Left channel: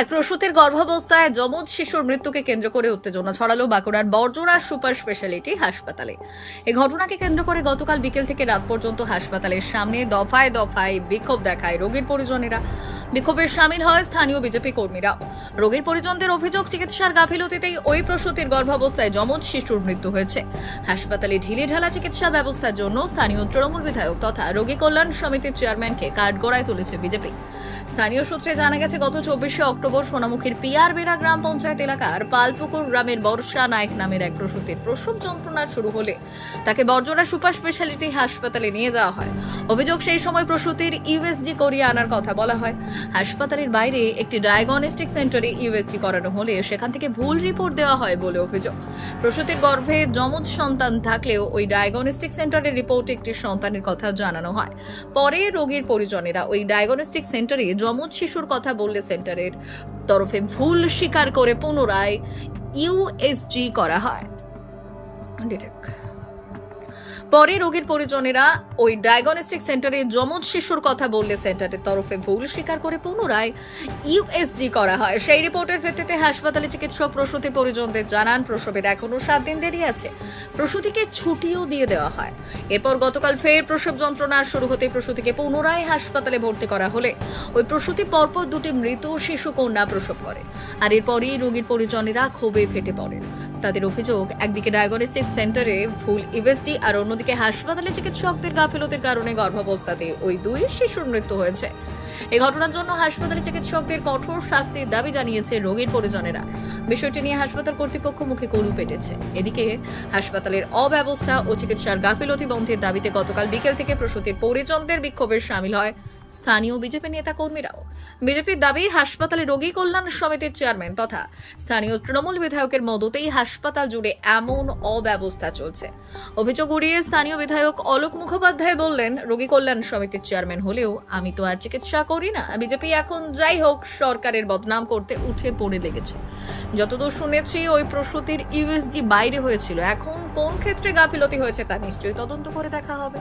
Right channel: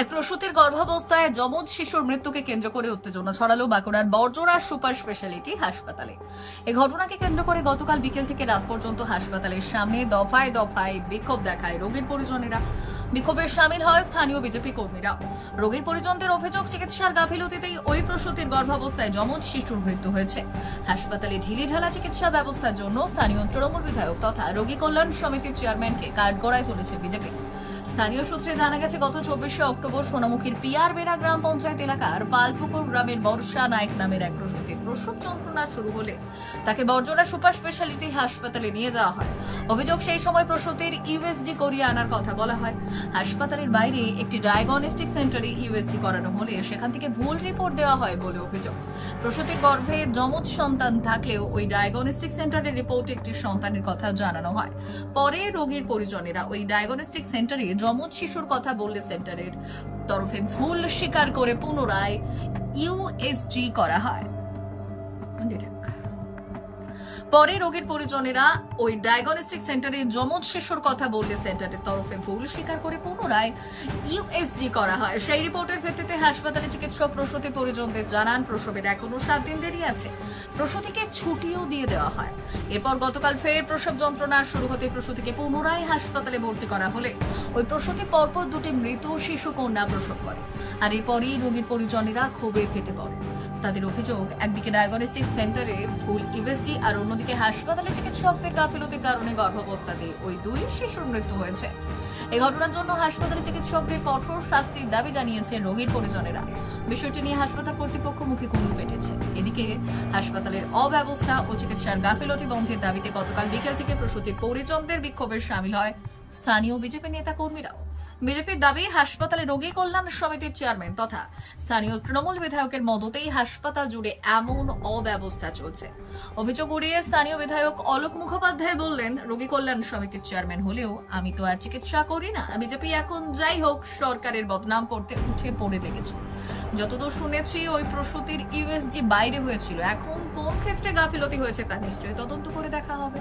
এক প্রসূতির গর্ভাবস্থায় যমজ শিশুর মৃত্যুকে কেন্দ্র করে উত্তেজনা ছড়ালো বাঁকুড়ার বড়জোড়া সুপার স্পেশালিটি হাসপাতালে। এই ঘটনাকে কেন্দ্র করে গতকাল বিকেল থেকে রাত পর্যন্ত হাসপাতালের সামনে দফায় দফায় বিক্ষোভ দেখায় রোগীর পরিজনেরা। বিক্ষোভে শামিল হয় স্থানীয় বিজেপি কর্মীরা। রোগীর পরিজনদের অভিযোগ, চিকিৎসার গাফিলতিতেই ওই প্রসূতির গর্ভাবস্থায় যমজ শিশুর মৃত্যু হয়েছে। হাসপাতালে ঢিলেঢালা চিকিৎসা ব্যবস্থার জন্য স্থানীয় তৃণমূল বিধায়ক তথা রোগী কল্যাণ সমিতির চেয়ারম্যানকে কাঠগড়ায় তুলেছে বিজেপি। স্থানীয় সূত্রে জানা গেছে, গত 24শে অক্টোবর সোনামুখীর পিয়ারবেড়া গ্রাম পঞ্চায়েত এলাকার পালপুকুর গ্রামের বর্ষা নায়ক নামের এক প্রসূতির প্রসব যন্ত্রণা শুরু হলে তাকে বড়জোড়া সুপার স্পেশালিটি হাসপাতালে নিয়ে যাওয়া হয়। অভিযোগ, সেই সময় প্রসূতির ইউএসজি করিয়ে আনার কথা বলা হয়। হাসপাতালের বাইরে একটি ডায়াগনস্টিক সেন্টারে ইউএসজি করানো হলে সেখান থেকে ভুল রিপোর্ট দেওয়া হয় বলে অভিযোগ। প্রসূতির গর্ভে যমজ সন্তান থাকলেও ওই ডায়াগনস্টিক সেন্টারের রিপোর্টে একটি সন্তানের কথা জানানো হয়। পরে রোগীর পরিজনেরা ওই ডায়াগনস্টিক সেন্টারে যমজ শিশুর কথা বললে সেন্টারের তরফে ভুল স্বীকার করে পুনরায় ইউএসজি করা হয়। পরে রোগীর পরিজনেরা ওই ডায়াগনস্টিক সেন্টারে যমজ শিশুর কথা বললে সেন্টারের তরফে ভুল স্বীকার করে পুনরায় ইউএসজি করা হয়। সেই রিপোর্টের ভিত্তিতে হাসপাতালে চিকিৎসক প্রসূতি পরিজনদের জানান, প্রসবের এখনো 7 দিন দেরি আছে। প্রসূতিকে ছুটিও দিয়ে দেওয়া হয়। এরপর গতকাল ফের প্রসব যন্ত্রণা শুরু হতে প্রসূতিকে পুনরায় হাসপাতালে ভর্তি করা হলে ওই প্রসূতি পরপর 2টি মৃত শিশু কন্যা প্রসব করে। আর এরপরই রোগীর পরিজনেরা ক্ষোভে ফেটে পড়ে। তাদের অভিযোগ, একদিকে ডায়াগনস্টিক সেন্টারে ভুল ইউএসজি আর অন্যদিকে হাসপাতালে চিকিৎসকদের গাফিলতির কারণে গর্ভাবস্থাতে ওই 2 শিশুর মৃত্যু হয়েছে। এই ঘটনার জন্য হাসপাতালে চিকিৎসকদের কঠোর শাস্তির দাবি জানিয়েছে রোগীর পরিজনেরা। বিষয়টি নিয়ে হাসপাতাল কর্তৃপক্ষ মুখে কুলু পেটেছে। এদিকে হাসপাতালের অব্যবস্থা ও চিকিৎসার গাফিলতি বন্ধের দাবিতে গতকাল বিকেল থেকে প্রসূতির পরিজনদের বিক্ষোভে শামিল হয় স্থানীয় বিজেপি নেতা কর্মীরাও। বিজেপির দাবি, হাসপাতালে রোগী কল্যাণ সমিতির চেয়ারম্যান তথা স্থানীয় তৃণমূল বিধায়কের মদতেই হাসপাতাল জুড়ে এমন অব্যবস্থা চলছে। অভিযোগ উড়িয়ে স্থানীয় বিধায়ক অলোক মুখোপাধ্যায় বললেন, রোগী কল্যাণ সমিতির চেয়ারম্যান হলেও আমি তো আর চিকিৎসা করি না। বিজেপি এখন যাই হোক সরকারের বদনাম করতে উঠে পড়ে লেগেছে। যতদূর শুনেছি ওই প্রসূতির ইউএসজি বাইরে হয়েছিল। এখন কোন ক্ষেত্রে গাফিলতি হয়েছে তা নিশ্চয়ই তদন্ত করে দেখা হবে।